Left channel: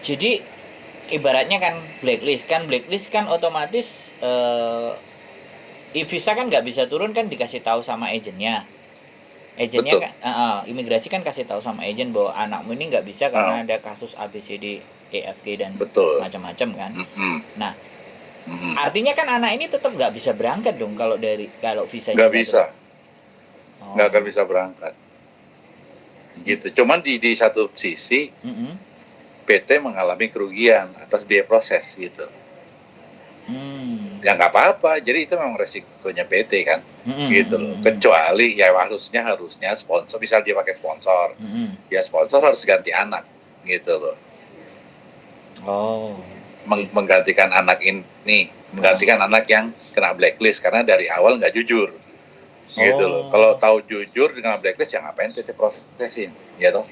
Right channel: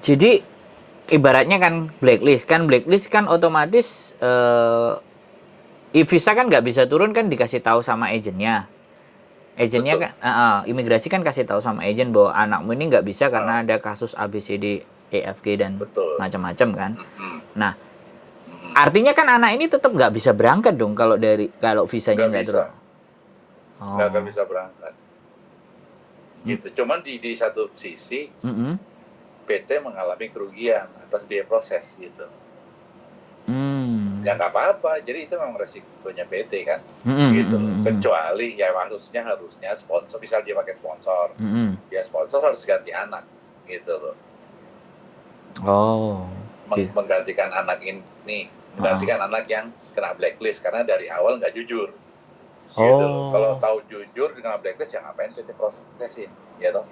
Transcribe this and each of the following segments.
Jadi ibaratnya blacklist kan otomatis visa kan nggak bisa turun kan dikasih tahu sama agennya Betul. kan imigrasi kan kasih tahu sama agen bahwa anakmu ini nggak bisa Ah, karena ada kasus ABCD EFG dan betul. macam-macam kan. Mm-mm. Nah, Mm-mm. artinya kan anak ini tetap nggak bisa berangkat dong kalau visanya Nggak nggak bisa, turun. nggak akan Oh. bisa berangkat. Mm, Gitu. Cuman di satu sisi mm-mm. PT mengalami kerugian atas biaya proses gitu. Hmm. Ya nggak apa-apa. Jadi itu memang resikonya PT kan, Mm-mm, gitu mm-mm, loh. mm-mm. Kecuali ya harusnya sponsor, misal dia pakai sponsor, Mm-mm. ya sponsor harus ganti anak, gitu loh. Oh. Gitu. Menggantikan anak ini, Heeh. menggantikan anak yang kena blacklist karena dari awal nggak jujur, gitu loh. Kalau Oh. tahu jujur kena blacklist ya ngapain PT prosesin, ya toh.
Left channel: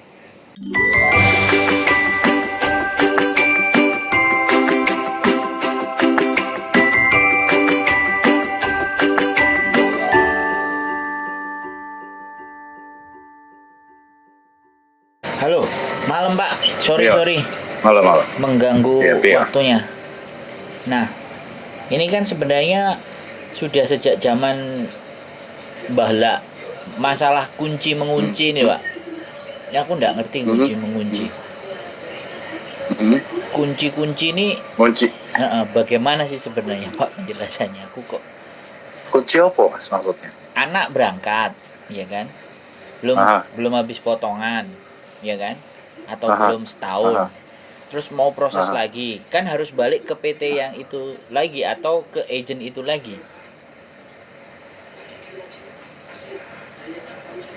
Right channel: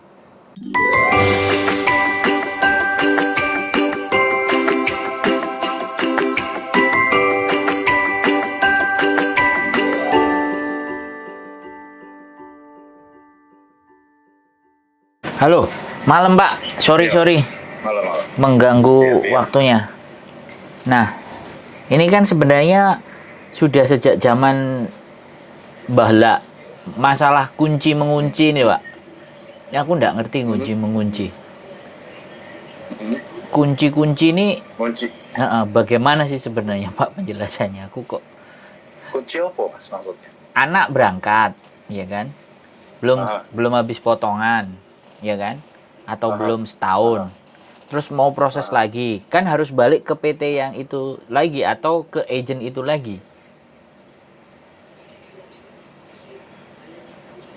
Halo, malam Pak. Sorry Iya, sorry malam-malam. mengganggu Iya, Pia. waktunya. Nah, ini kan sebenarnya sudah sejak zaman Bahla masalah kunci Hmm. mengunci ini Pak. Ya aku nggak ngerti Hmm. kunci mengunci. Hmm. Kunci-kunci ini Kunci bagaimana sih sebenarnya Pak penjelasannya? Aku kok kunci apa mas maksudnya? anak berangkat, ya kan? Belum Aha, belum habis potongan, ya kan? Atau aha, belum setahun. aha, Terus mau proses aha. lagi, kan harus balik ke PT yang itu lagi atau ke agent itu lagi.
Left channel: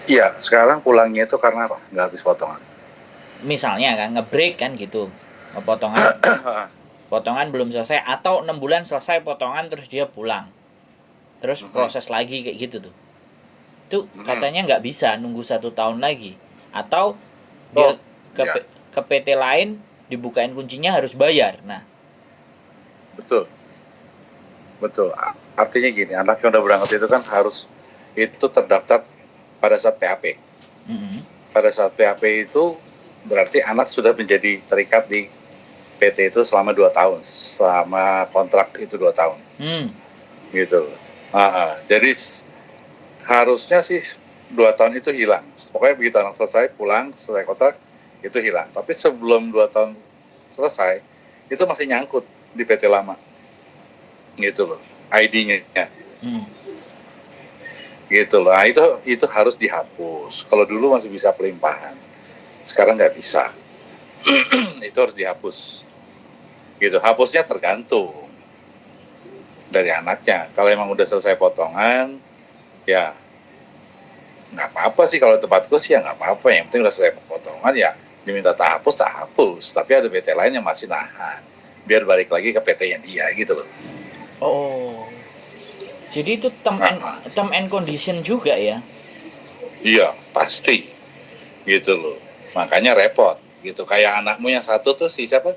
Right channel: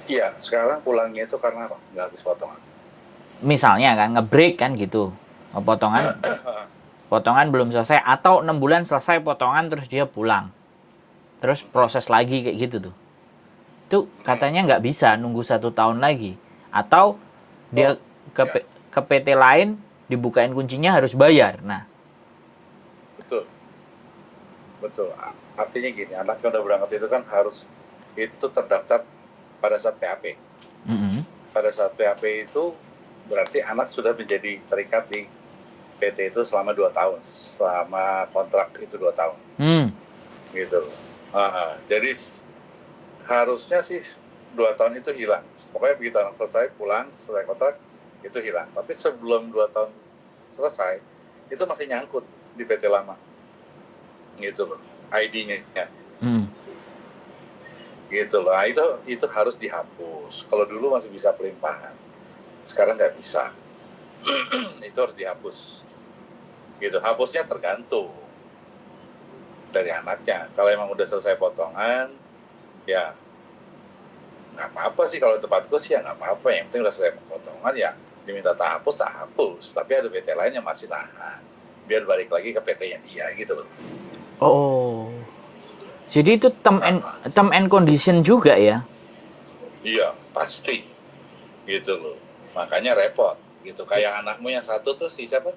Iya, sekarang pulangnya itu karena apa? Nggak habis potongan. Misalnya kan ngebreak kan gitu. Potongan potongan belum selesai atau 6 bulan selesai potongan terus dia pulang. Terus proses lagi kayak gitu tuh. Itu katanya nggak bisa nunggu 1 tahun lagi. Atau dia Oh, ke, ya, ke PT lain dibukain kuncinya harus bayar. Nah, betul, betul. Artinya gini, anak yang udah berangkat itu kan harus itu terdaftar pada saat PAP. mm-mm. Pada saat PAP itu berarti anak sudah menjadi terikat di PT itu selama 2 tahun, selama kontrak itu 2 tahun, Hmm. gitu. Jadi harusnya sih 2 tahun itu hilang. Pokoknya begitu anak selesai pulang selesai kontrak itu hilang. Tapi sebelum 2 tahun selesai itu masih nyangkut di PT lama, gitu loh, ID-nya, Hmm. gitu loh. Nah, itu harus dihapus. Kalau dulu masih bisa pelimpahan, sekarang nggak bisa. Itu harus dihapus. Gitu. Hapusnya tergantung dari anaknya. Kalau emang udah selesai potongan, ya nggak apa-apa sih. Kalau tempatku sih ya nggak apa-apa. Yang penting udah selesai potongan ya diminta tak hapus. Tapi ada PT lain yang masih nahan. Biar balik lagi ke PT-nya dia gitu loh. Oh. Jadi itu Nah, term and condition juga ya. iya pasti gitu loh. Makanya repot gitu. Kayak anakmu yang satu tuh si siapa?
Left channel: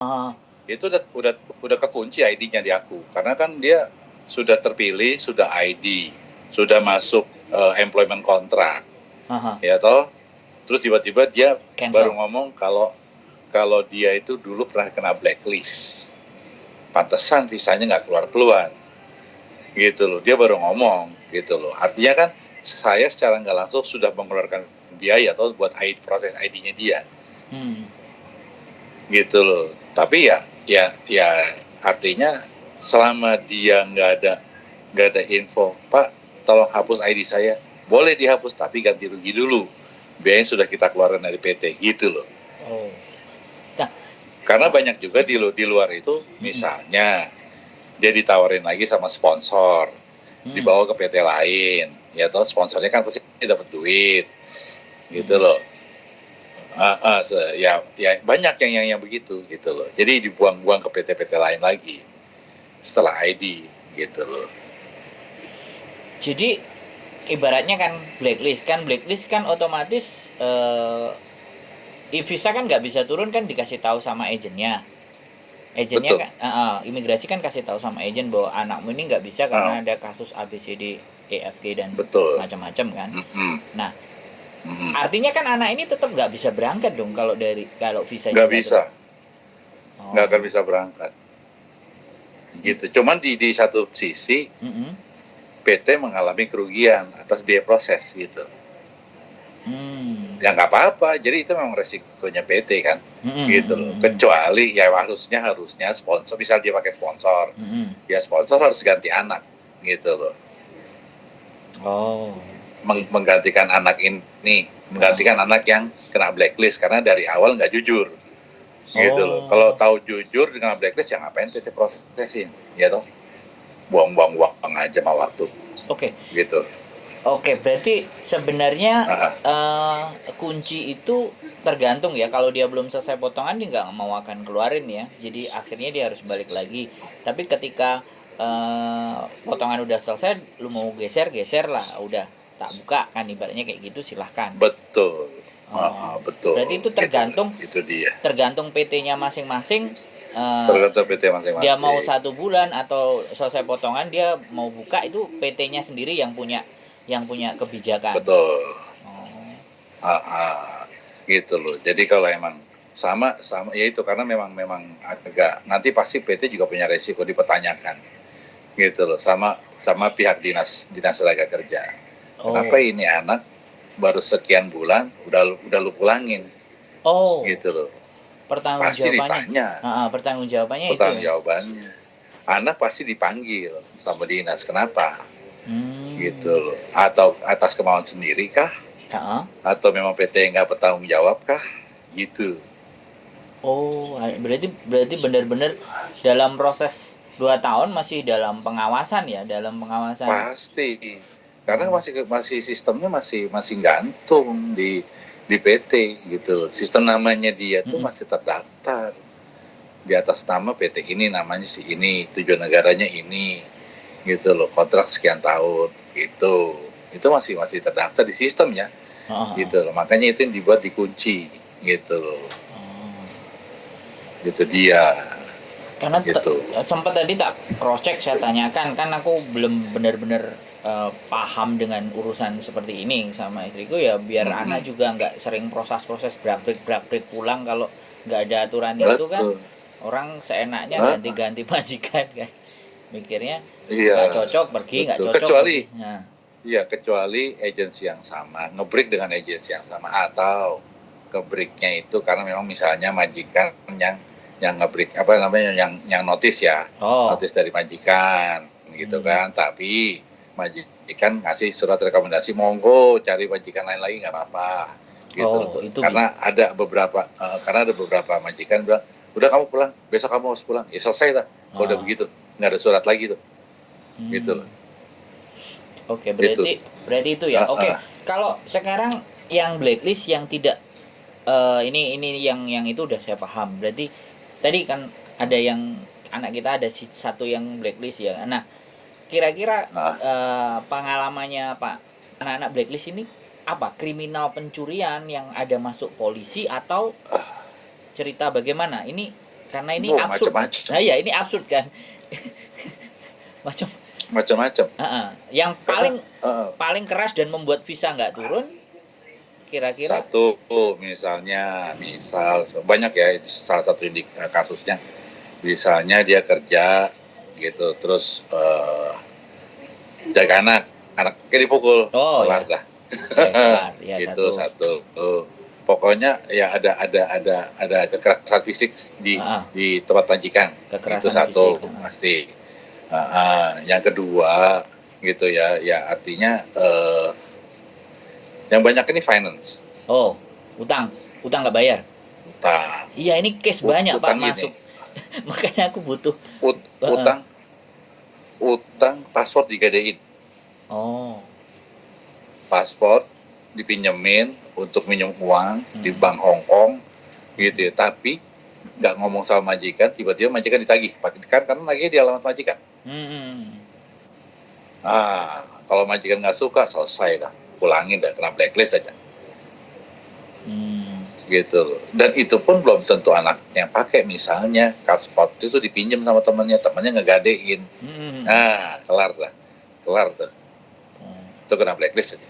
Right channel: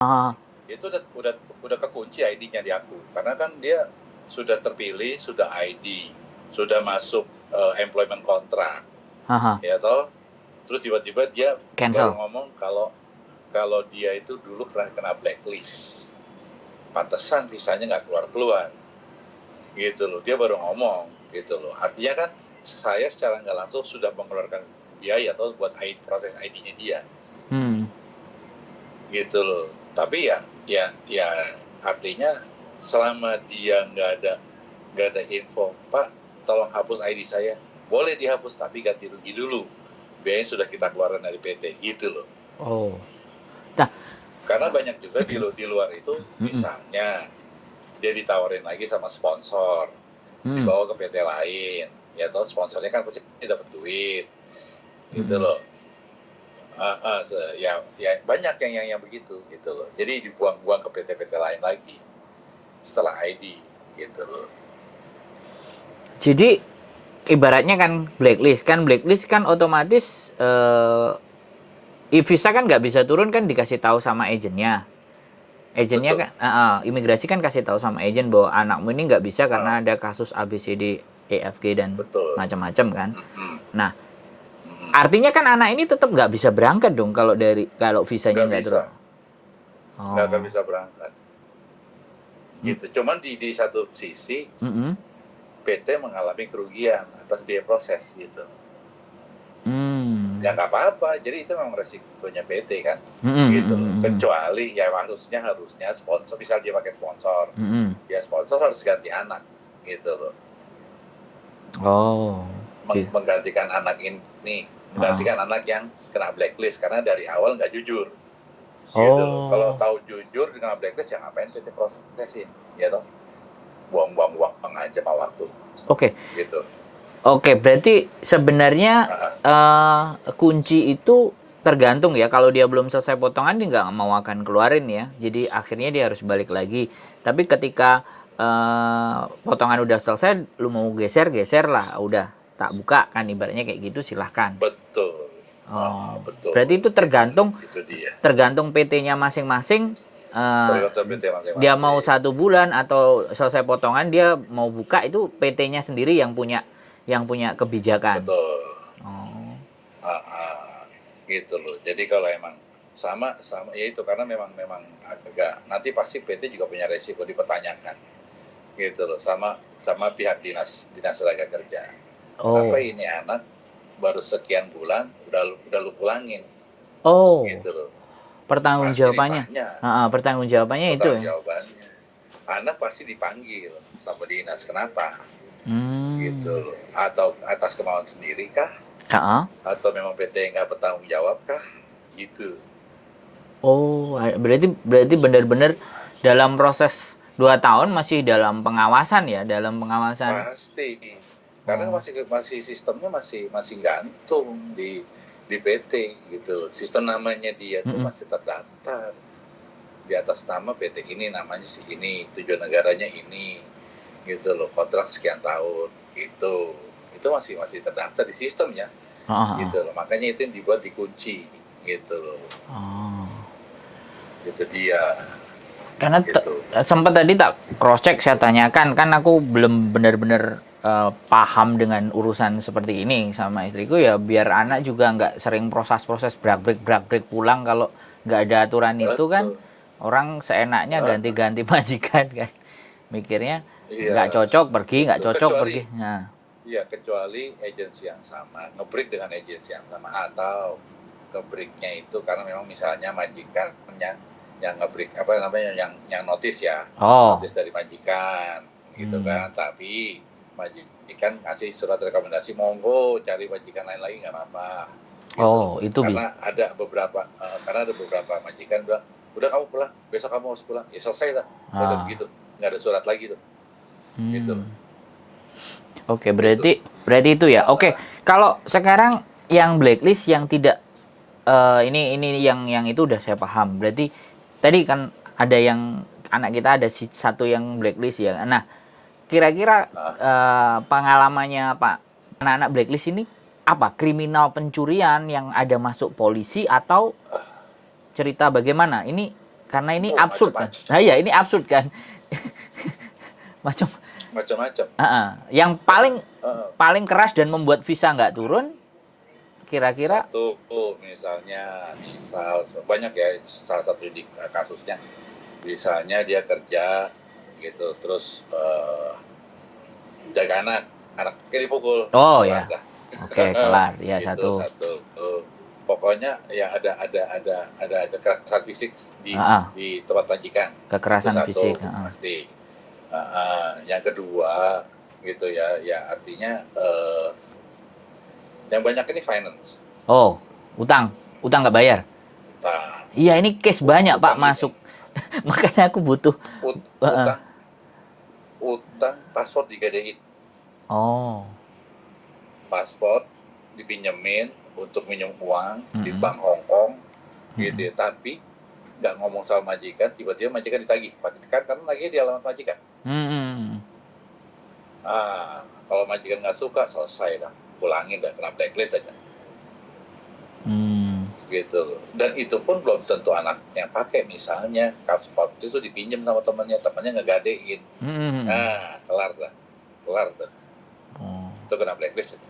Ah, Itu udah kekunci ID-nya di aku. Karena kan dia sudah terpilih, sudah ID, sudah masuk employment contract, haha. ya toh. Terus tiba-tiba dia baru Cancel. ngomong kalau dia itu dulu pernah kena blacklist. Pantesan visanya nggak keluar-keluar. Gitu loh. Dia baru ngomong gitu loh. Artinya kan saya secara nggak langsung sudah mengeluarkan biaya atau buat proses ID-nya dia. Hmm. Gitu loh. Tapi ya artinya selama dia nggak ada info, Pak, tolong hapus ID saya. Boleh dihapus tapi ganti rugi dulu. Biayanya sudah kita keluarkan dari PT gitu loh. Oh. Nah, Karena banyak juga di luar itu, mm-mm. misalnya dia ditawarin lagi sama sponsor, Hmm. dibawa ke PT lain, ya toh sponsornya kan pasti dapat duit, gitu Mm-mm. loh. Ya banyak yang begitu gitu loh. Jadi dibuang-buang ke PT-PT lain lagi setelah ID gitu loh. Jadi ibaratnya kan blacklist kan otomatis visa kan nggak bisa turun kan dikasih tahu sama agennya Betul. kan imigrasi kan kasih tahu sama agen bahwa anakmu ini nggak bisa karena Uh, ada kasus ABCD EFG dan betul. macam-macam kan. Mm-mm. Nah, Artinya kan anak ini tetap nggak bisa berangkat dong kalau visanya Nggak bisa, Oh. nggak akan bisa berangkat. Gitu. Cuman di satu sisi PT mengalami kerugian atas biaya proses gitu. Ya nggak apa-apa, jadi itu memang resikonya PT kan, gitu loh. Kecuali ya harusnya sponsor, misal dia pakai sponsor, ya sponsor harus ganti anak, gitu loh. Menggantikan anak ini, menggantikan anak yang kena blacklist karena dari awal nggak jujur, gitu loh. Kalau tahu jujur dengan blacklist ya ngapain PT prosesin, ya toh, buang-buang uang aja sama waktu. Gitu. Oke, berarti sebenarnya kunci itu tergantung ya. Kalau dia belum selesai potongan, dia nggak mau akan keluarin ya. Jadi akhirnya dia harus balik lagi. Tapi ketika potongan udah selesai, lu mau geser lah. Udah tak buka kan, ibaratnya kayak gitu, silahkan. Betul. Betul. Berarti itu tergantung itu dia. Tergantung PT-nya masing-masing. Tergantung PT masing-masing. Dia mau 1 bulan atau selesai potongan, dia mau buka, itu PT-nya sendiri yang punya kebijakan. Betul. Gitu loh. Jadi kalau emang sama ya itu, karena memang agak nanti pasti PT juga punya resiko dipertanyakan. Gitu loh. Sama pihak dinas tenaga kerja. Kenapa ini anak baru sekian bulan udah lu pulangin? Gitu loh. Pertanggungjawabannya itu. Pertanggungjawabannya. Anak pasti dipanggil sama dinas. Kenapa? Gitu loh. Atau atas kemauan sendiri kah? Atau memang PT nggak bertanggung jawab kah? Gitu. Berarti benar-benar dalam proses 2 tahun masih dalam pengawasan ya, Pasti. Karena masih sistemnya masih gantung di PT gitu loh. Sistem namanya dia tuh masih terdaftar di atas nama PT ini, namanya si ini, tujuan negaranya ini, gitu loh, kontrak sekian tahun gitu. Itu masih terdaftar di sistemnya. Gitu loh. Makanya itu yang dibuat dikunci gitu loh. Gitu dia. Karena sempat tadi tak cross check, saya tanyakan, kan aku belum benar-benar paham dengan urusan seperti ini sama istriku ya, biar anak juga nggak sering proses brak-brik pulang kalau nggak ada aturan. Itu kan orang seenaknya ganti-ganti majikan kan, mikirnya nggak cocok pergi, nggak cocok pergi. Iya, kecuali agensi yang sama, nge-break dengan agensi yang sama, atau nge-breaknya itu karena memang misalnya majikan yang nge-break yang notis ya, notis dari majikan gitu kan, tapi majikan ngasih surat rekomendasi, monggo cari majikan lain lagi nggak apa-apa gitu. Itu karena ada beberapa majikan bilang, udah kamu pulang, besok kamu harus pulang, ya selesai lah. Udah begitu, nggak ada surat lagi tuh. Gitu loh. Berarti itu ya. Kalau sekarang yang blacklist yang tidak ini yang itu udah saya paham. Berarti tadi kan ada yang anak kita ada satu yang blacklist ya. Nah, kira-kira pengalamannya Pak, anak-anak blacklist ini apa? Kriminal pencurian yang ada masuk polisi atau cerita bagaimana? Ini karena ini absurd. Nah, ya ini absurd kan. Macam-macam. Yang paling keras dan membuat visa nggak turun, kira-kira? Satu, misal banyak ya, salah satu kasusnya, misalnya dia kerja gitu, terus jaga anaknya dipukul, kelar dah. Kelar, ya. Itu satu. Pokoknya ya ada kekerasan fisik di tempat majikan. Kekerasan itu satu, fisik, pasti. Yang kedua gitu ya artinya yang banyak ini finance. Utang nggak bayar. Iya, ini case banyak Pak masuk. Makanya aku butuh utang paspor digadein. Paspor dipinjemin untuk minjem uang di bank Hong Kong gitu ya, tapi nggak ngomong sama majikan, tiba-tiba majikan ditagih, karena lagi di alamat majikan. Kalau majikan nggak suka, selesai dah, pulangin dah, kena blacklist aja. Gitu loh. Dan itu pun belum tentu anaknya pakai, misalnya paspor itu dipinjam sama temannya ngegadein. Kelar tuh. Itu kena blacklist aja.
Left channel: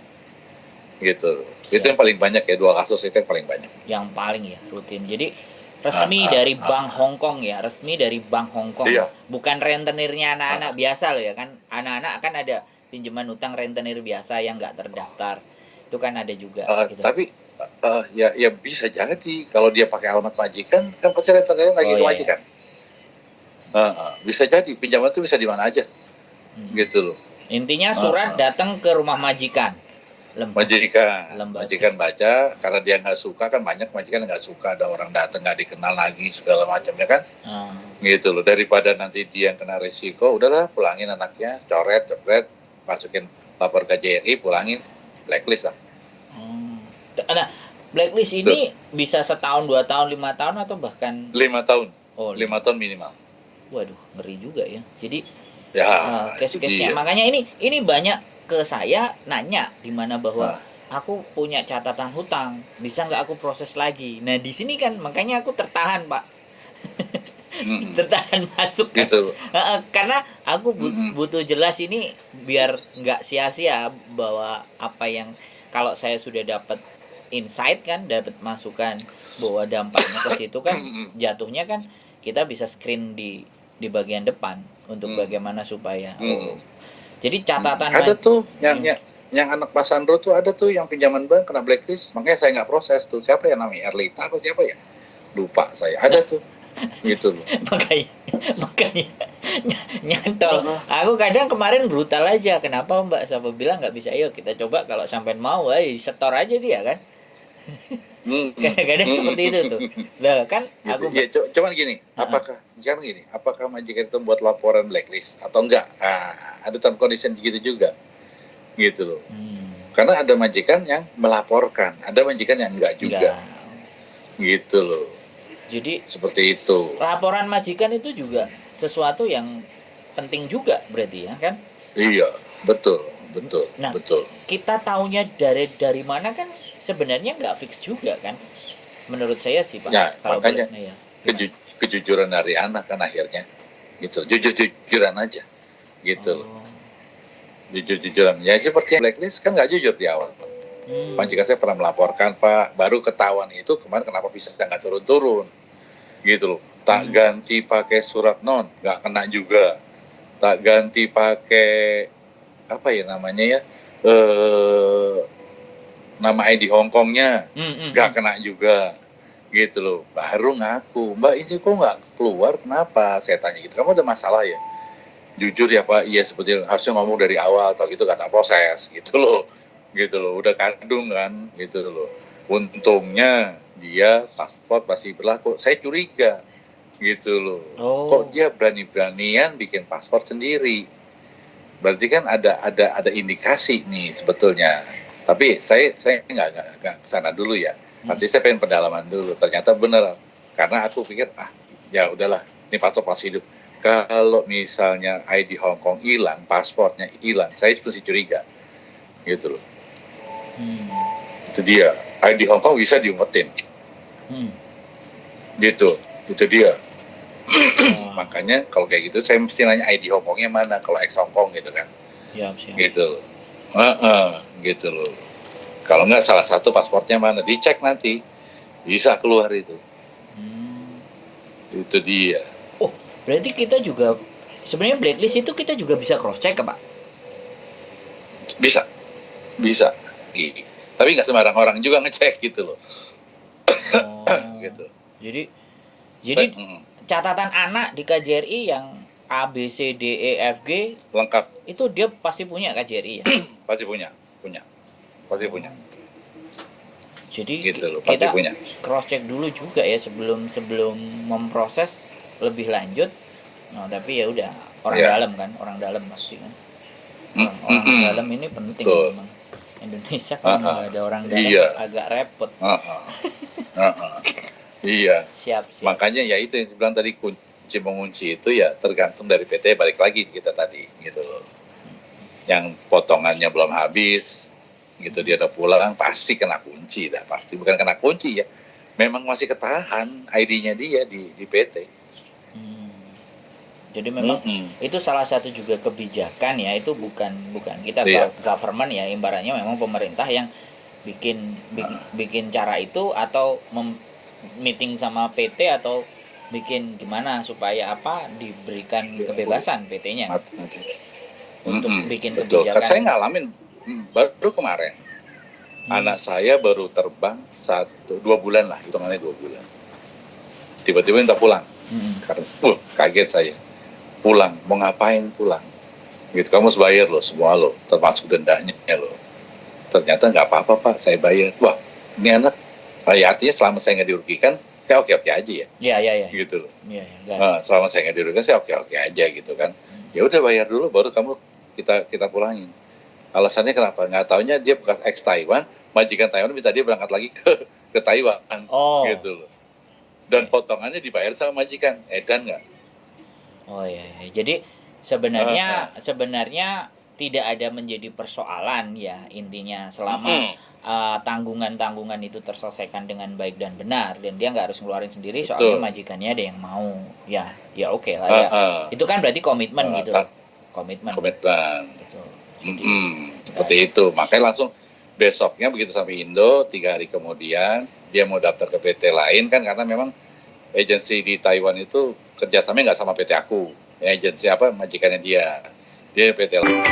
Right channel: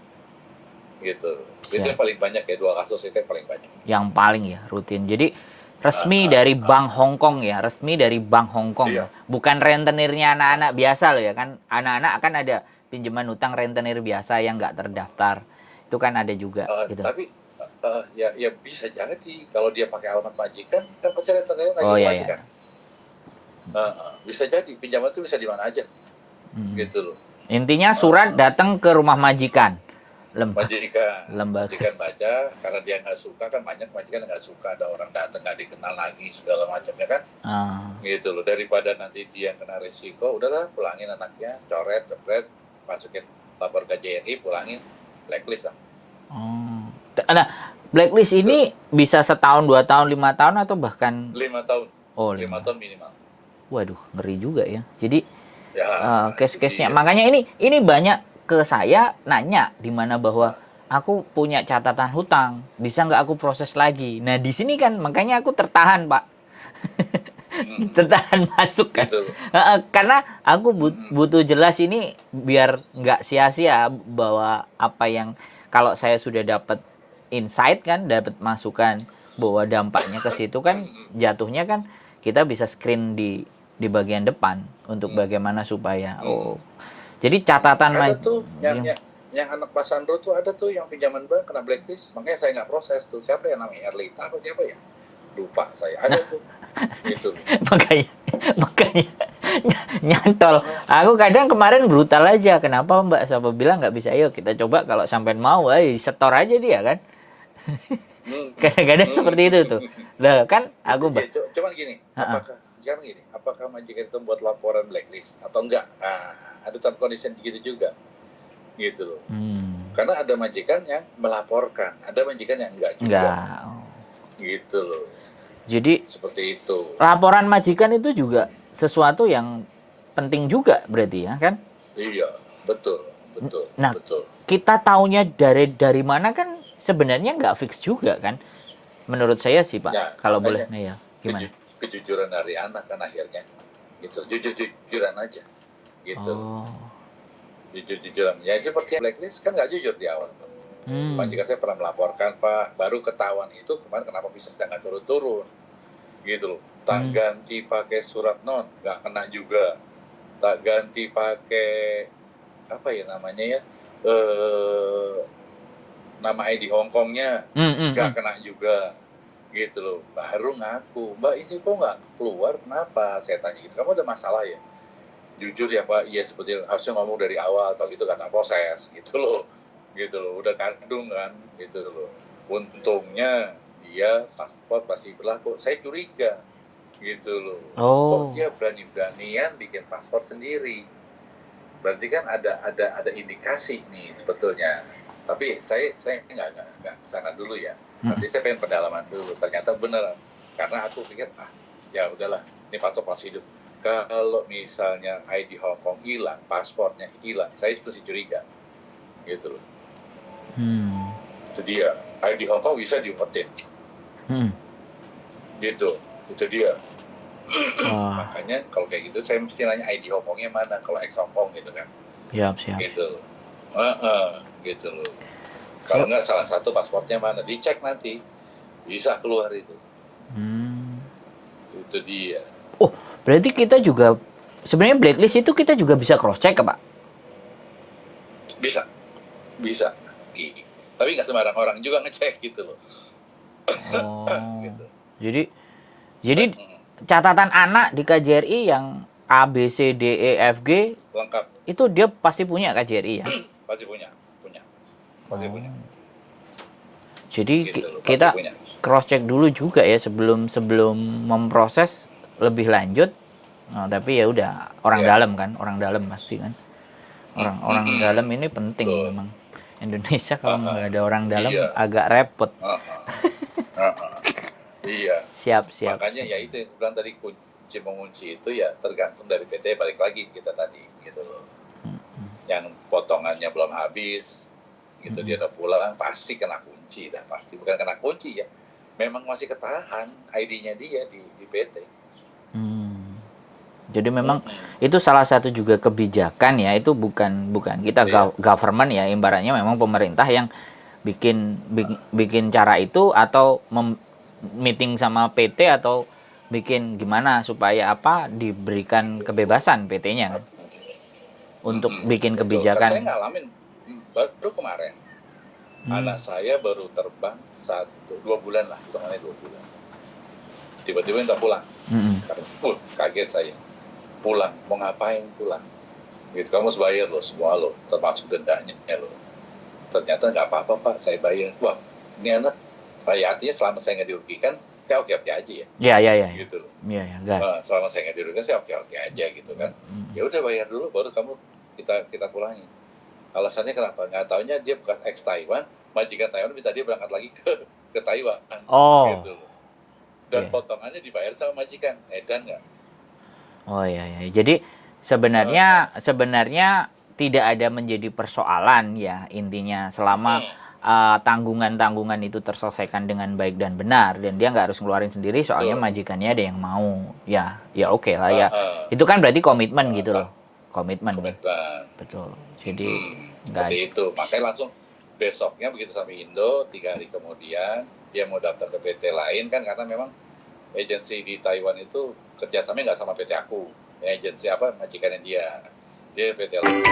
gitu. Itu Siap. yang paling banyak ya, 2 kasus itu yang paling banyak. Yang paling ya rutin. Jadi resmi dari Bank Hong Kong ya, resmi dari Bank Hong Kong ya. Iya. Bukan rentenirnya anak-anak biasa loh ya kan. Anak-anak akan ada pinjaman utang rentenir biasa yang nggak terdaftar. Itu kan ada juga gitu. Tapi ya bisa jadi kalau dia pakai alamat majikan kan pasti rentenirnya lagi Oh, ke iya, majikan. Bisa jadi pinjaman itu bisa di mana aja. Gitu loh. Intinya surat datang ke rumah majikan. Majikan baca, karena dia nggak suka kan, banyak majikan nggak suka ada orang datang nggak dikenal lagi segala macamnya kan. Gitu loh, daripada nanti dia yang kena risiko, udahlah pulangin anaknya, coret, masukin lapor ke KJRI, pulangin, blacklist lah. Nah, blacklist ini bisa setahun, 2 tahun, 5 tahun atau bahkan 5 tahun. Oh, 5 tahun minimal. Waduh, ngeri juga ya. Jadi ya, case-case-nya. Makanya ini banyak ke saya nanya di mana bahwa aku punya catatan hutang, bisa nggak aku proses lagi? Nah, di sini kan makanya aku tertahan, Pak. Tertahan masuk kan. Gitu. Karena aku butuh jelas ini biar nggak sia-sia bahwa apa yang kalau saya sudah dapat insight kan, dapat masukan bahwa dampaknya ke situ kan jatuhnya kan kita bisa screen di bagian depan untuk bagaimana supaya jadi catatan ada tuh yang anak Pak Sandro tuh, ada tuh yang pinjaman bank kena blacklist, makanya saya nggak proses tuh. Siapa ya namanya, Erlita apa siapa ya, lupa saya. Ada tuh gitu. makanya nyantol. Aku kadang kemarin brutal aja, kenapa Mbak Sapa bilang nggak bisa, yuk kita coba kalau sampai mau, setor aja dia kan. Kadang-kadang seperti itu tuh. Nah kan aku cuman gini, apakah majikan itu buat laporan blacklist atau enggak? Ada term condition gitu juga, gitu loh. Karena ada majikan yang melaporkan, ada majikan yang enggak juga, gitu loh. Jadi seperti itu. Laporan majikan itu juga sesuatu yang penting juga berarti ya kan? Iya, betul. Nah, kita taunya dari mana kan sebenarnya nggak fix juga kan? Menurut saya sih Pak, ya, kalau boleh ya. Kejujuran dari anak kan akhirnya, gitu. Jujur-jujuran aja, gitu. Jujur-jujuran. Ya seperti blacklist kan nggak jujur di awal. Majikan saya pernah melaporkan Pak, baru ketahuan itu kemarin kenapa bisa nggak turun-turun, gitu loh. Tak ganti pakai surat non, nggak kena juga. Tak ganti pakai apa ya namanya ya, nama ID Hongkongnya nggak kena juga, gitu loh. Baru ngaku, Mbak ini kok nggak keluar, kenapa? Saya tanya gitu, kamu ada masalah ya? Jujur ya Pak, iya seperti harusnya ngomong dari awal, atau gitu kata proses, gitu loh. Gitu loh, udah kandung kan, gitu loh. Untungnya dia paspor masih berlaku, saya curiga, gitu loh. Kok dia berani-beranian bikin paspor sendiri? Berarti kan ada indikasi nih sebetulnya. Tapi saya nggak kesana dulu ya. Nanti saya pengen pendalaman dulu. Ternyata beneran. Karena aku pikir ya udahlah, ini paspor masih hidup. Kalau misalnya ID Hong Kong hilang, paspornya hilang, saya mesti curiga, gitu loh. Itu dia. ID Hong Kong bisa diumpetin. Gitu. Itu dia. Makanya kalau kayak gitu saya mesti nanya ID Hong Kongnya mana kalau ex Hong Kong gitu kan. Siap. Gitu loh. Gitu loh. Kalau nggak salah satu pasportnya mana, dicek nanti bisa keluar itu. Itu dia. Oh, berarti kita juga sebenarnya blacklist itu kita juga bisa cross check Pak? Bisa. Tapi nggak sembarang orang juga ngecek gitu loh. Gitu. Jadi catatan anak di KJRI yang A, B, C, D, E, F, G lengkap. Itu dia pasti punya KJRI ya? Pasti punya. Jadi gitu loh, kita punya. Cross check dulu juga ya sebelum memproses lebih lanjut. Tapi ya udah orang dalam kan, orang dalam pasti kan. Orang dalam ini penting memang. Indonesia kalau nggak ada orang dalam agak repot. Iya. Siap. Makanya ya itu yang bilang tadi, kunci mengunci itu ya tergantung dari PT, balik lagi kita tadi gitu loh. Yang potongannya belum habis gitu, dia udah pulang pasti kena kunci dah, pasti. Bukan kena kunci ya, memang masih ketahan ID-nya dia di PT. Jadi memang itu salah satu juga kebijakan ya, itu bukan kita government ya, ibaratnya memang pemerintah yang bikin cara itu, atau meeting sama PT, atau bikin gimana supaya apa diberikan kebebasan PT-nya kan? Untuk bikin betul. kebijakan. Saya ngalamin baru kemarin. Anak saya baru terbang 2 bulan lah, hitungannya 2 bulan. Tiba-tiba minta pulang. Karena kaget saya. Pulang, mau ngapain pulang? Gitu, kamu harus bayar loh semua loh, termasuk dendanya loh. Ternyata nggak apa-apa Pak, saya bayar. Wah, ini anak, ya artinya selama saya nggak dirugikan, saya oke-oke aja ya. Iya. Gitu loh. Iya. Selama saya nggak dirugikan, saya oke-oke aja gitu kan. Ya udah bayar dulu, baru kamu kita pulangin. Alasannya kenapa? Nggak taunya dia bekas ex Taiwan, majikan Taiwan minta dia berangkat lagi ke Taiwan, gitu loh. Dan potongannya dibayar sama majikan, edan nggak? Oh iya. Jadi sebenarnya tidak ada menjadi persoalan ya intinya, selama tanggungan itu terselesaikan dengan baik dan benar, dan dia nggak harus ngeluarin sendiri, soalnya majikannya ada yang mau, ya oke lah ya. Itu kan berarti komitmen gitu loh. Komitmen. Betul. Jadi seperti itu. Makanya langsung besoknya begitu sampai Indo, 3 hari kemudian dia mau daftar ke PT lain kan, karena memang agensi di Taiwan itu kerjasamanya nggak sama PT aku, ya, agensi majikannya dia PT lain.